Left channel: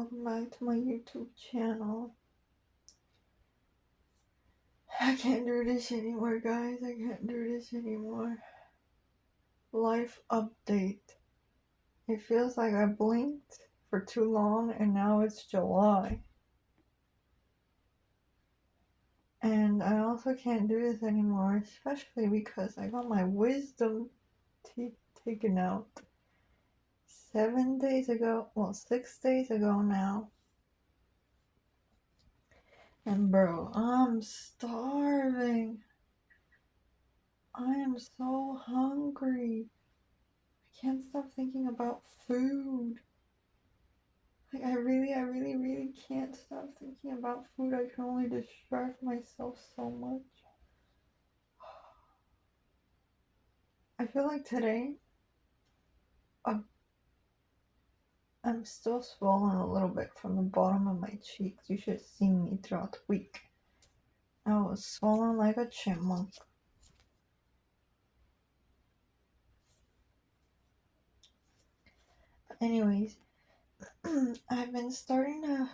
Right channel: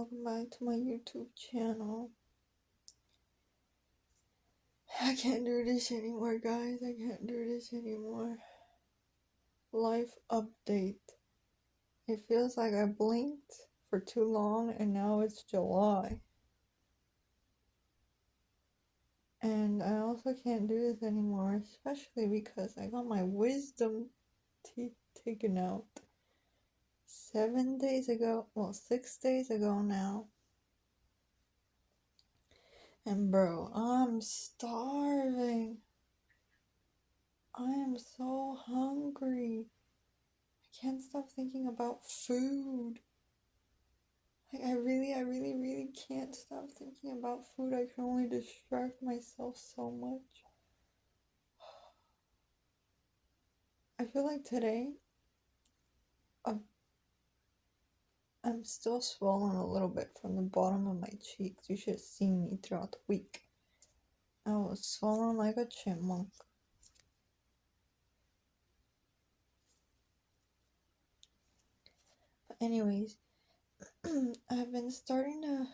welcome back to my YouTube channel. I can't do this anymore, guys. I can't do this anymore. Life update. It feels like I blinked for too long and now it's July. And I also can't do this anymore, especially because I got my wisdom teeth taken out 7 days ago. Well, 6 days ago now. And bro, I'm starving. I am so hungry. I can't stop thinking about food. Like I really can't stop thinking about food. I can only distract myself so much. I feel like today I'm still swollen a little bit from the bottom of my cheeks. You should have seen me throughout the week. I was swollen like a chipmunk. Anyways, I've been starting to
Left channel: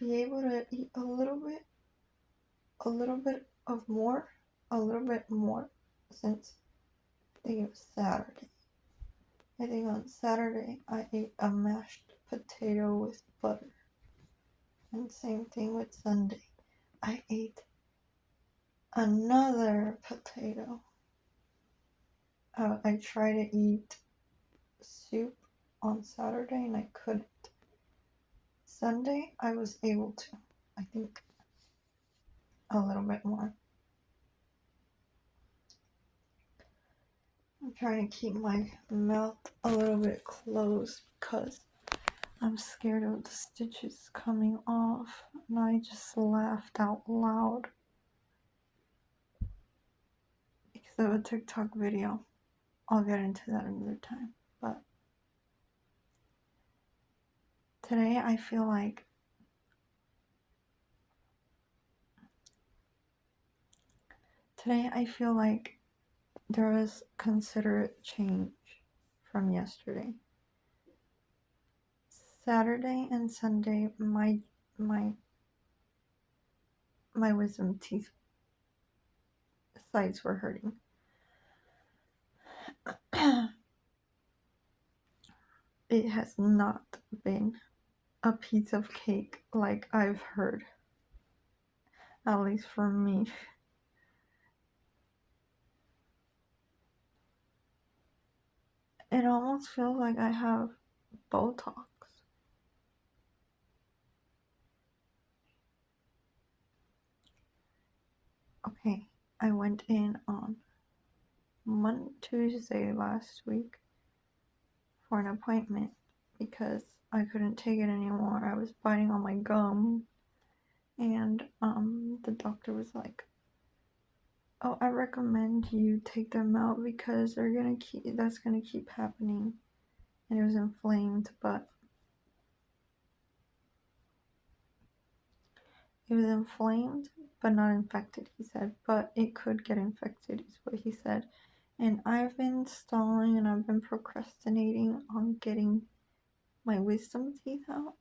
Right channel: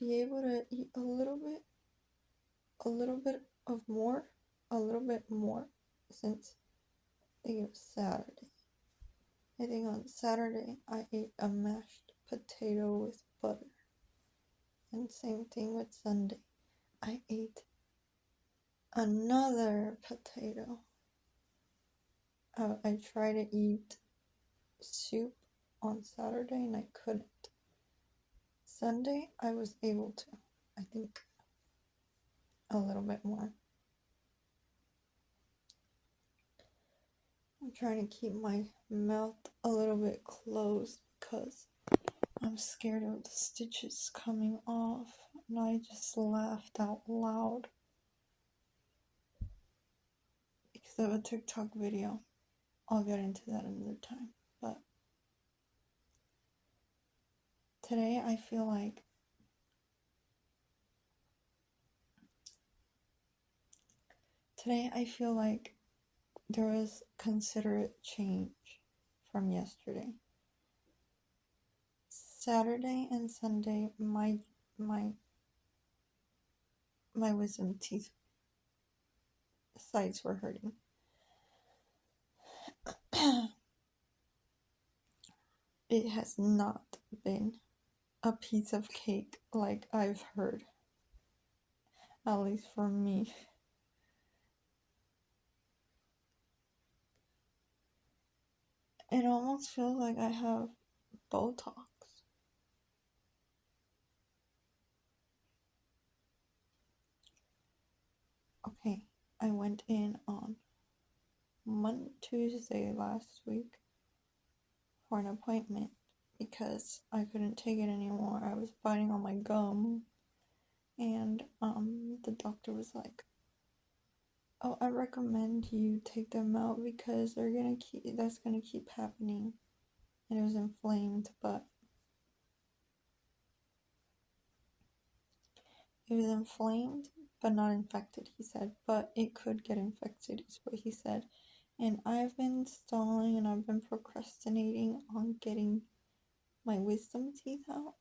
be able to eat a little bit more since I think it was Saturday. I think on Saturday I ate a mashed potato with butter. And same thing with Sunday. I ate another potato. I tried to eat soup on Saturday and I couldn't. Sunday I was able to. I think a little bit more. I'm trying to keep my mouth a little bit closed because I'm scared of the stitches coming off, and I just laughed out loud because of a TikTok video. I'll get into that another time, but today I feel like there was considerate change from yesterday. Saturday and Sunday, my wisdom teeth sides were hurting. It has not been a piece of cake like I've heard, at least for me. It almost feels like I have Botox. Okay, I went in on Tuesday last week for an appointment because I couldn't take it anymore. I was biting on my gum, and the doctor was like, "Oh, I recommend you take them out because that's gonna keep happening." And it was inflamed, but not infected, he said. But it could get infected, is what he said. And I've been stalling and I've been procrastinating on getting my wisdom teeth out.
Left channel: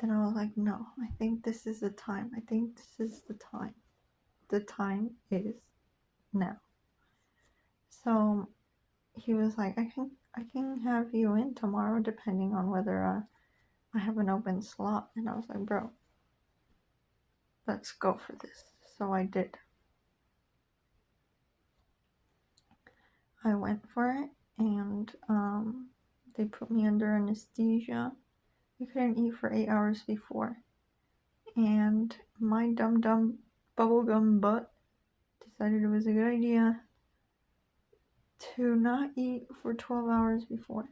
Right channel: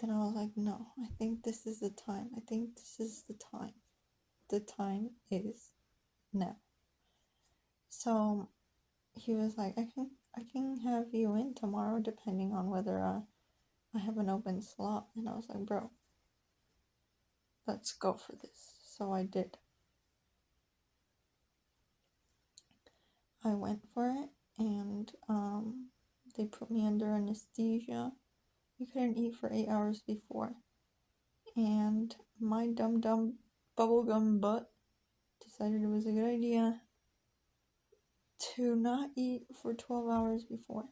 Then I was like, no, I think this is the time. I think this is the time. The time is now. So he was like, I can have you in tomorrow depending on whether I have an open slot. And I was like, bro, let's go for this. So I did. I went for it, and they put me under anesthesia. I couldn't eat for 8 hours before, and my dumb bubblegum butt decided it was a good idea to not eat for 12 hours before.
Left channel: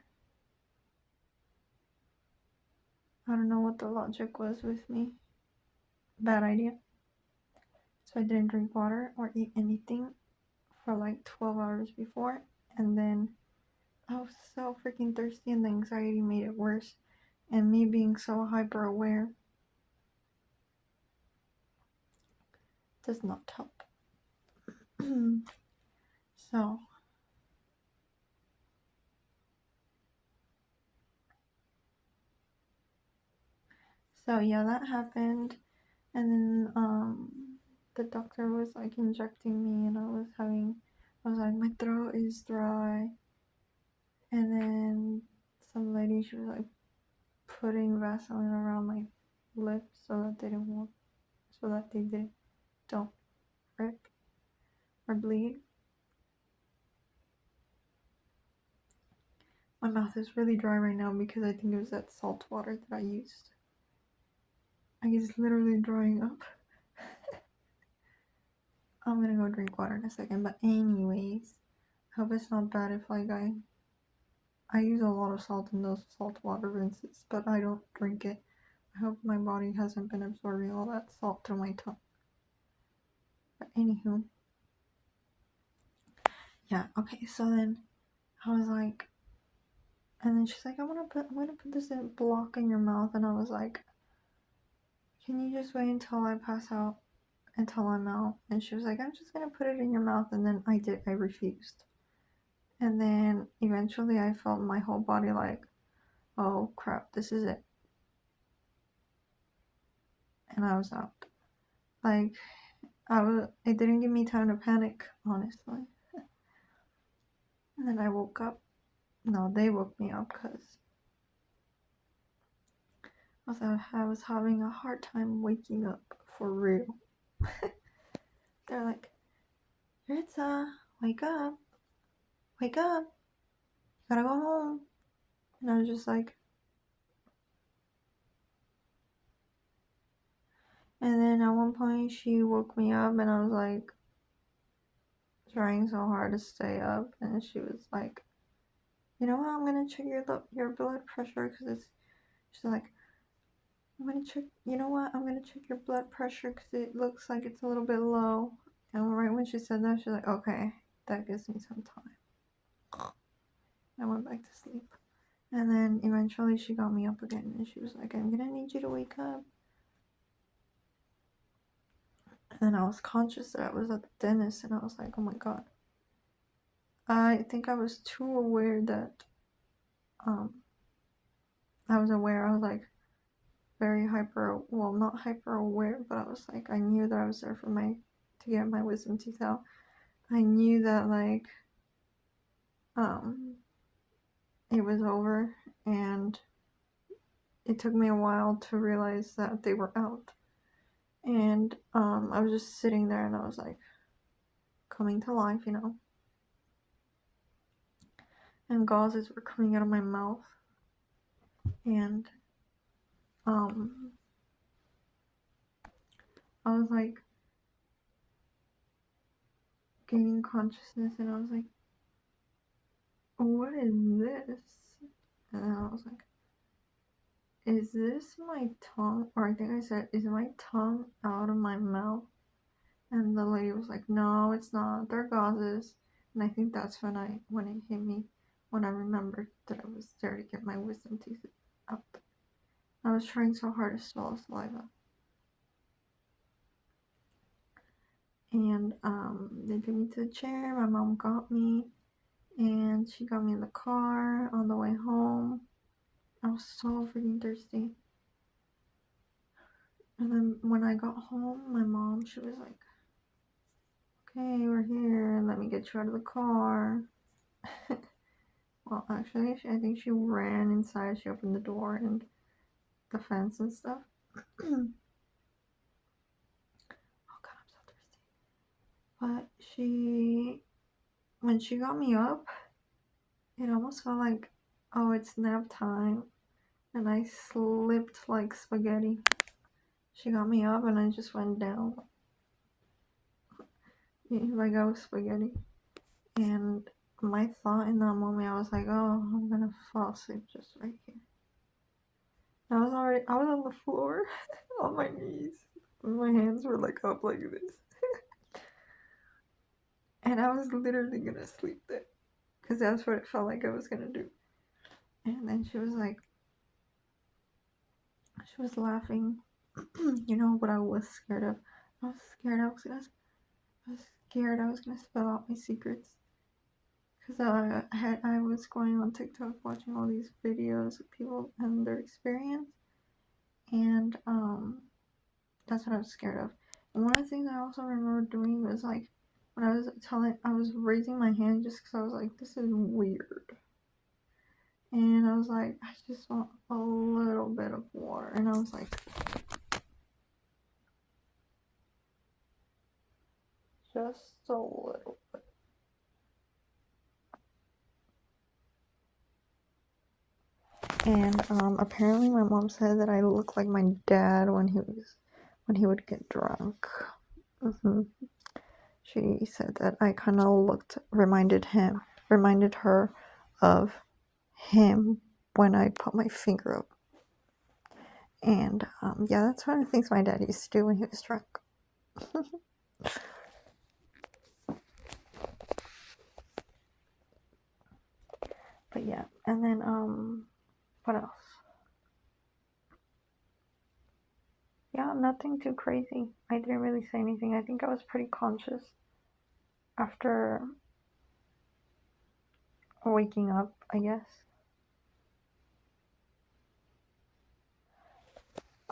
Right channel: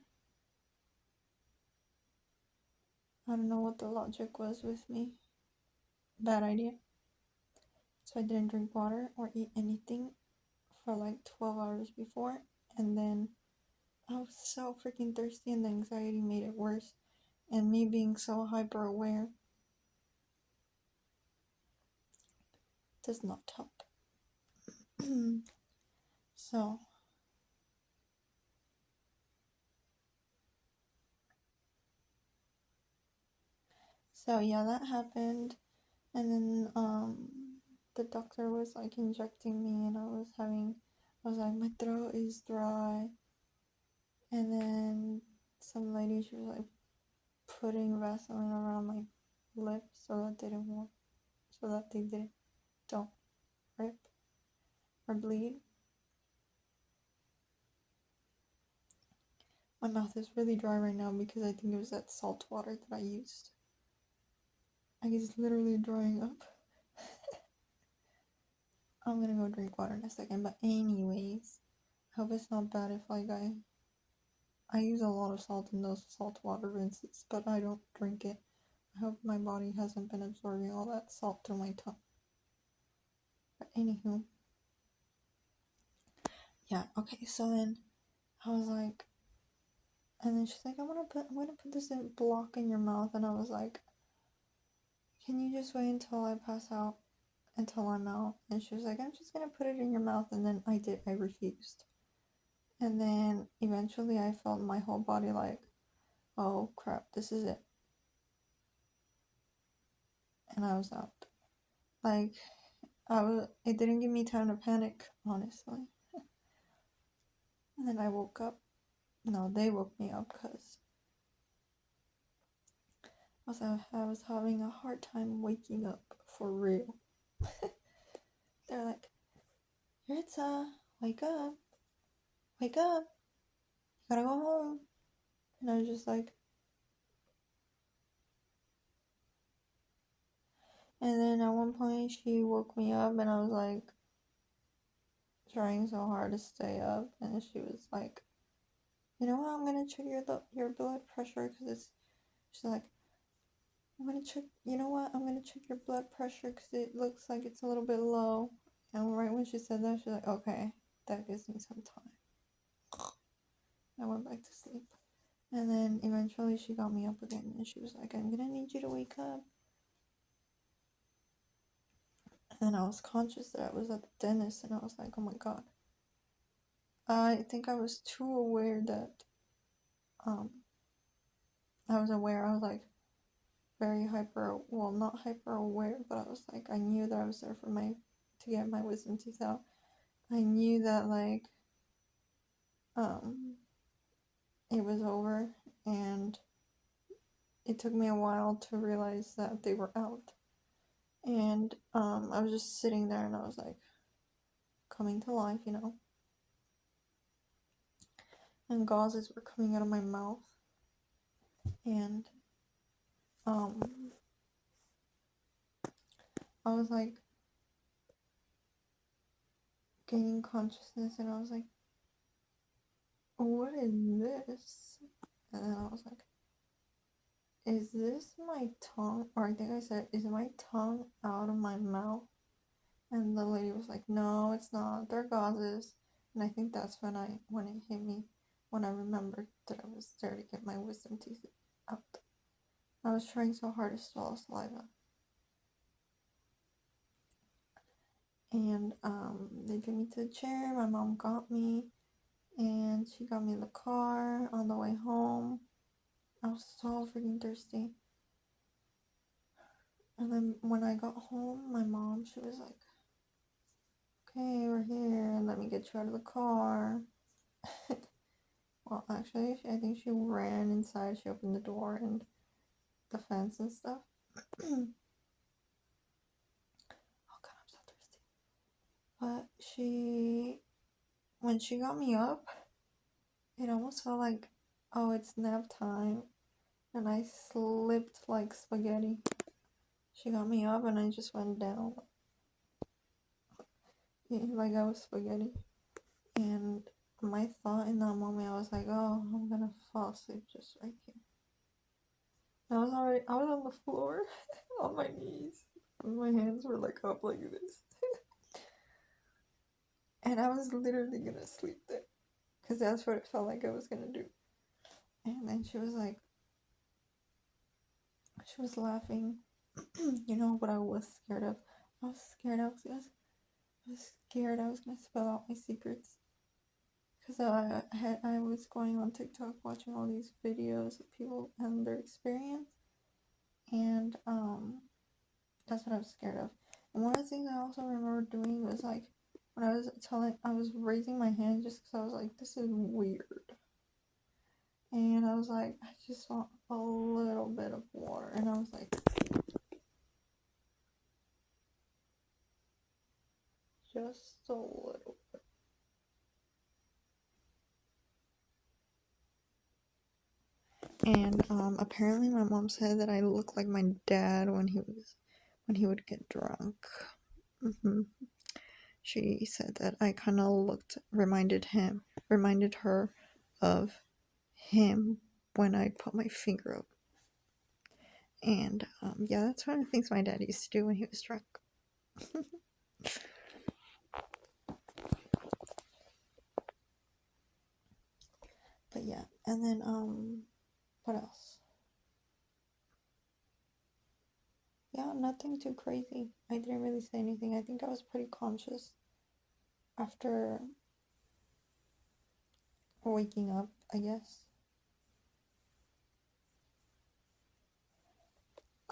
I don't know what the logic was with me. Bad idea. So I didn't drink water or eat anything for like 12 hours before, and then I was so freaking thirsty, and the anxiety made it worse, and me being so hyper aware does not help. So So yeah, that happened, and then the doctor was like injecting me, and I was like, my throat is dry, and then some lady, she was like putting Vaseline around my lips so that they didn't work, so that they don't rip or bleed. My mouth is really dry right now because I think it was that salt water that I used. It's literally drying up. I'm gonna go drink water in a second, but anyways, I hope it's not bad if like I use a lot of salt in those salt water rinses, but I don't drink it. I hope my body hasn't been absorbing all that salt through my tongue. But anywho, yeah, okay, so then I was like, and then she's like, I'm gonna put this in block in your mouth, and I was like, can you just wait until I pass out, until I'm out? And she was like, I'm just gonna put it in your mouth, and then I refused. And then eventually I felt my whole body like, oh crap, this is it. And I was out. Like, it didn't give me time to panic, honestly. And then I woke up. No, they woke me up because I was having a hard time waking up for real. They're like, Ritza, wake up, you gotta go home. And I was just like, and then at one point she woke me up, and I was like trying so hard to stay up, and she was like, you know what, I'm gonna check your blood pressure, because she's like, I'm gonna check, you know what, I'm gonna check your blood pressure because it looks like it's a little bit low. And right when she said that, she's like, okay, that gives me some time. I went back to sleep. And then eventually she got me up again, and she was like, I'm gonna need you to wake up. And I was conscious that I was at the dentist, and I was like, oh my god. I think I was too aware that, I was aware, I was like very not hyper aware, but I was like, I knew that I was there to get my wisdom teeth out. I knew that like, it was over, and it took me a while to realize that they were out. And I was just sitting there, and I was like coming to life, and gauzes were coming out of my mouth, and I was like gaining consciousness, and I was like, what is this? And I was like, is this my tongue? Or I think I said, is my tongue out of my mouth? And the lady was like, no, it's not, they're gauzes. And I think that's when it hit me, when I remembered that I was there to get my wisdom teeth out. I was trying so hard to swallow saliva. And they took me to the chair, my mom got me, and she got me in the car on the way home. I was so freaking thirsty. And then when I got home, my mom, she was like, okay, we're here, let me get you out of the car. Well, actually, I think she ran inside, she opened the door and the fence and stuff. Oh god, I'm so thirsty. But when she got me up, it almost felt like, oh, it's nap time. And I slipped like spaghetti. She got me up, and I just went down like I was spaghetti. And my thought in that moment, I was like, oh, I'm gonna fall asleep just right here. I was on the floor on my knees. My hands were like up like this. And I was literally gonna sleep there, because that's what it felt like I was gonna do. And then she was laughing. You know what I was scared of? I was scared I was gonna spell out my secrets. Because I was going on TikTok watching all these videos of people and their experience. And that's what I was scared of. And one of the things I also remember doing was like when I was raising my hand just because I was like, this is weird. And I was like, I just want a little bit of water. And I was like, just a little bit. And apparently my mom said that I look like my dad when he would get drunk. She said that I kind of reminded her of him when I put my finger up. And yeah, that's one of the things my dad used to do when he was drunk. But yeah, and then what else? Yeah, nothing too crazy. I didn't really say anything. I think I was pretty conscious after waking up, I guess.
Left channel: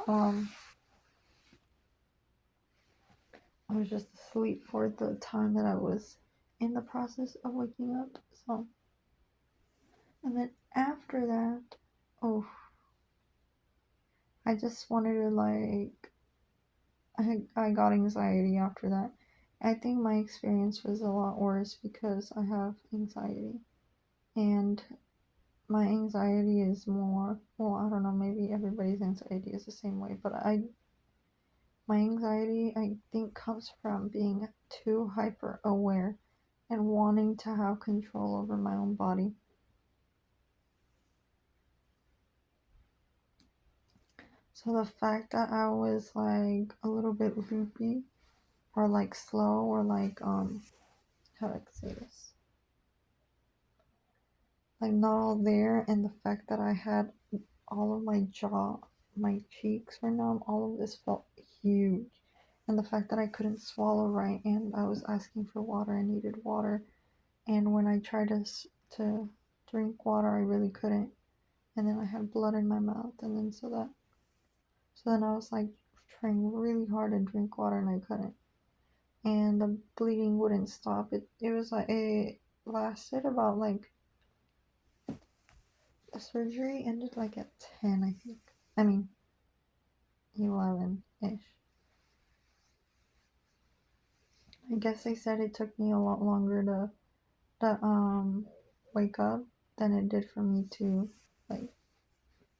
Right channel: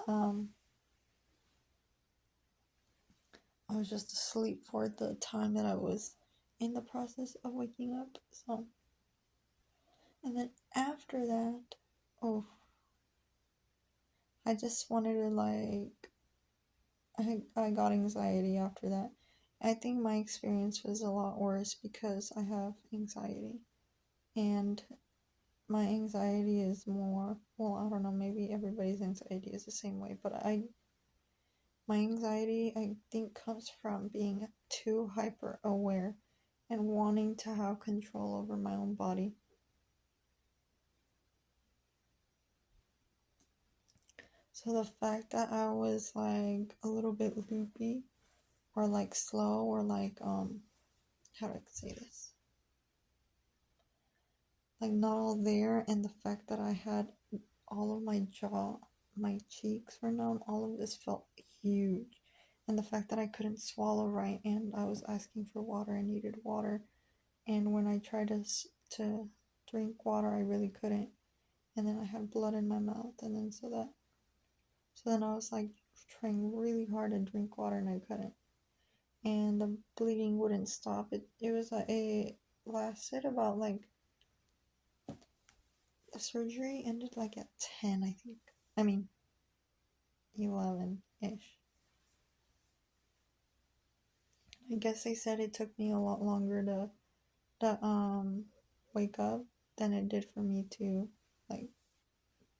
I was just asleep for the time that I was in the process of waking up. So, and then after that, oh, I just wanted to I got anxiety after that. I think my experience was a lot worse because I have anxiety. And my anxiety is more, well, I don't know, maybe everybody's anxiety is the same way, but my anxiety, I think, comes from being too hyper aware and wanting to have control over my own body. So the fact that I was like a little bit loopy or like slow or like how do I say this? Like not all there, and the fact that I had all of my jaw, my cheeks were numb, all of this felt huge. And the fact that I couldn't swallow right and I was asking for water, I needed water. And when I tried to drink water, I really couldn't. And then I had blood in my mouth, and then so then I was like trying really hard to drink water and I couldn't. And the bleeding wouldn't stop. It was like it lasted about like the surgery ended like at 10, I think. I mean 11 ish. I guess they said it took me a lot longer to wake up than it did for me to like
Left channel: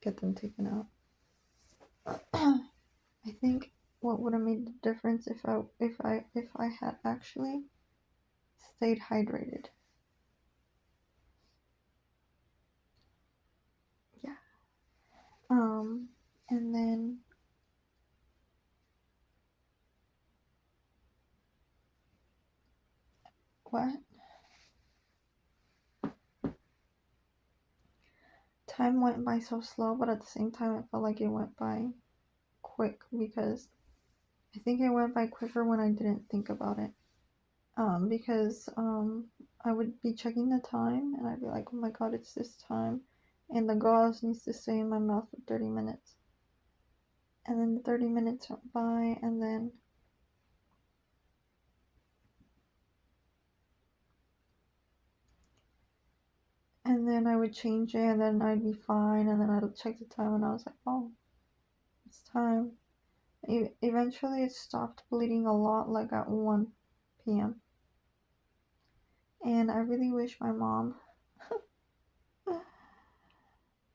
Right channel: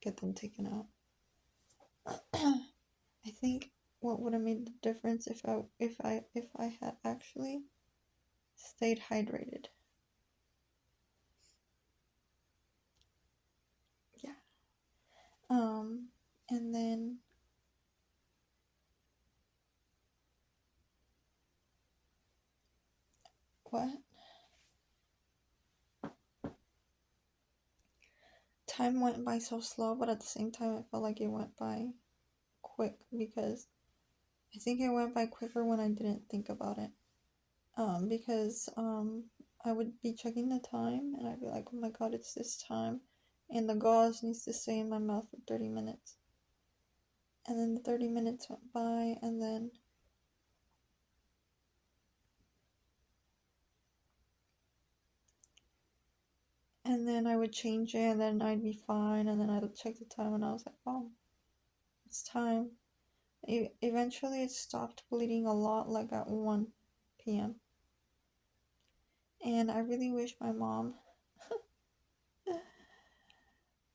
get them taken out. I think what would have made the difference if I had actually stayed hydrated. Yeah. And then what? Time went by so slow, but at the same time, I felt like it went by quick because I think it went by quicker when I didn't think about it. Because I would be checking the time and I'd be like, oh my god, it's this time, and the gauze needs to stay in my mouth for 30 minutes. And then the 30 minutes went by, and then I would change it, and then I'd be fine, and then I would check the time, and I was like, oh, it's time. Eventually, it stopped bleeding a lot, like at 1 p.m. And I really wish my mom.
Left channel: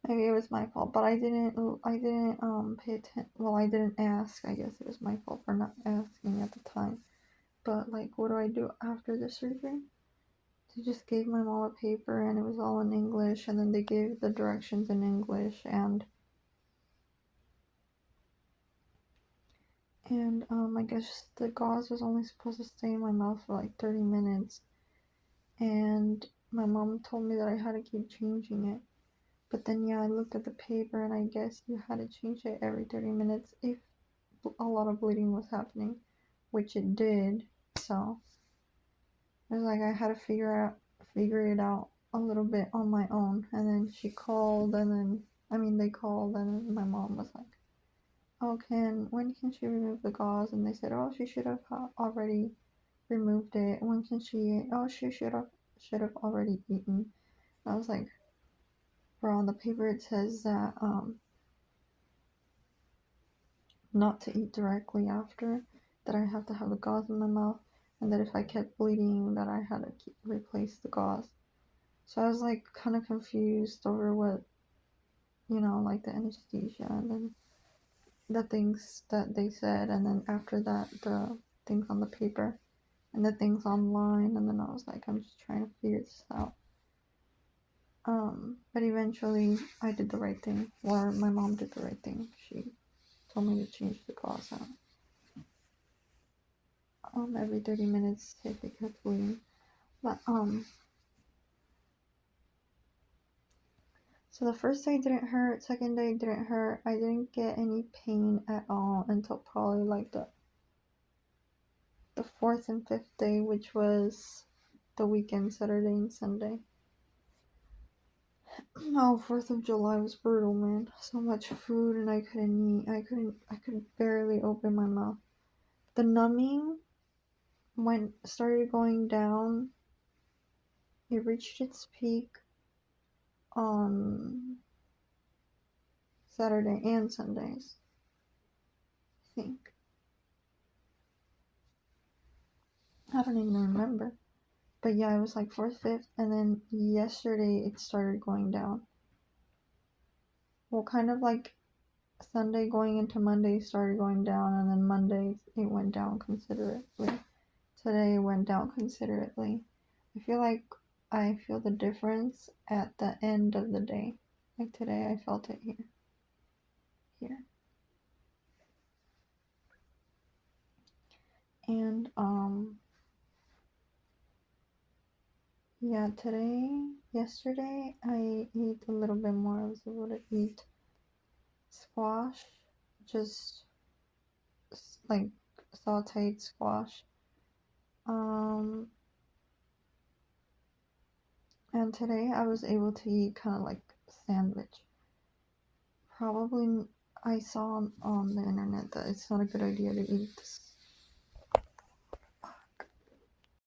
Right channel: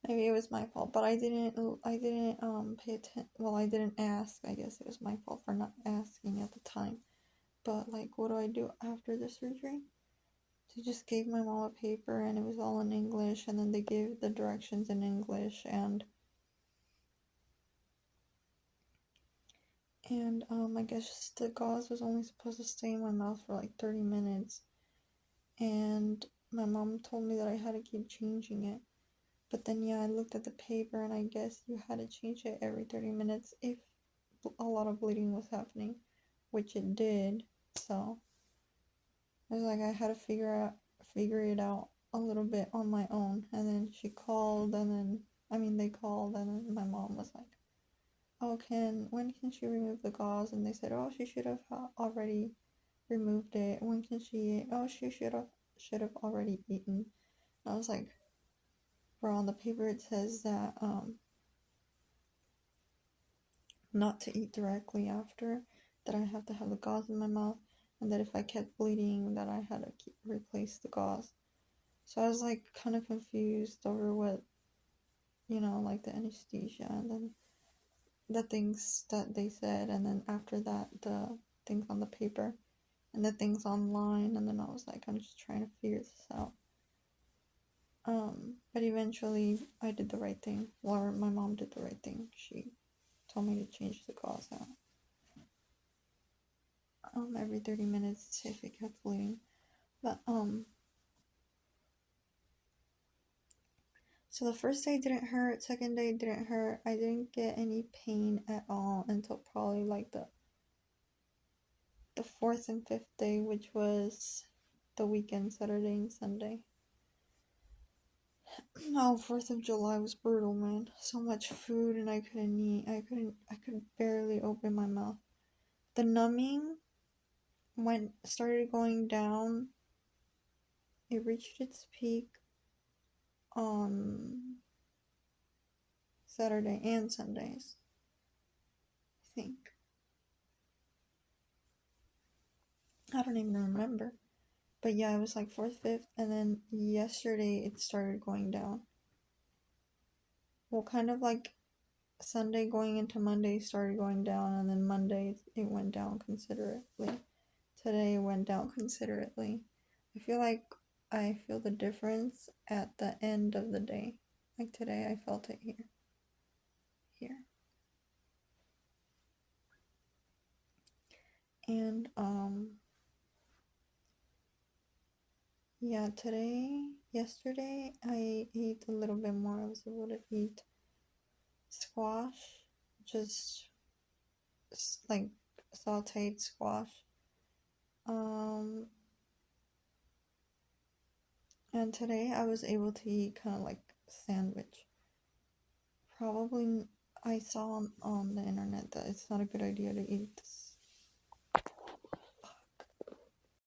Maybe it was my fault, but I didn't pay attention. Well, I didn't ask. I guess it was my fault for not asking at the time. But like, what do I do after the surgery? They just gave my mom a paper, and it was all in English, and then they gave the directions in English, and I guess the gauze was only supposed to stay in my mouth for like 30 minutes, and my mom told me that I had to keep changing it. But then, yeah, I looked at the paper, and I guess you had to change it every 30 minutes if a lot of bleeding was happening, which it did. So it was like I had to figure it out a little bit on my own. And then she called, and then they called, and then my mom was like, oh, when can she remove the gauze? And they said, oh, she should have already removed it. When can she eat? Oh, she should have already eaten. I was like, bro, on the paper it says that not to eat directly after, that I have to have the gauze in my mouth, and that if I kept bleeding, that I had to replace the gauze. So I was like kind of confused over what, like the anesthesia and then the things that they said, and then after that, the things on the paper and the things online, and then I was like, I'm just trying to figure this out. But eventually I did the right thing, or my mom did the right thing. She told me to change the gauze out every 30 minutes if it kept bleeding. But so the first day didn't hurt, second day didn't hurt. I didn't get any pain at all until probably like the fourth and fifth day, which was the weekend, Saturday and Sunday. Oh, 4th of July was brutal, man. So much food and I couldn't eat. I could barely open my mouth. The numbing started going down. It reached its peak on Saturday and Sundays, I think. I don't even remember. But yeah, it was like 4th, 5th, and then yesterday it started going down. Well, kind of like Sunday going into Monday started going down, and then Monday it went down considerably. Today it went down considerably. I feel like I feel the difference at the end of the day. Like today I felt it here. And yeah, yesterday I ate a little bit more. I was able to eat squash, just like sauteed squash. And today I was able to eat kind of like sandwich. Probably I saw on the internet that it's not a good idea to eat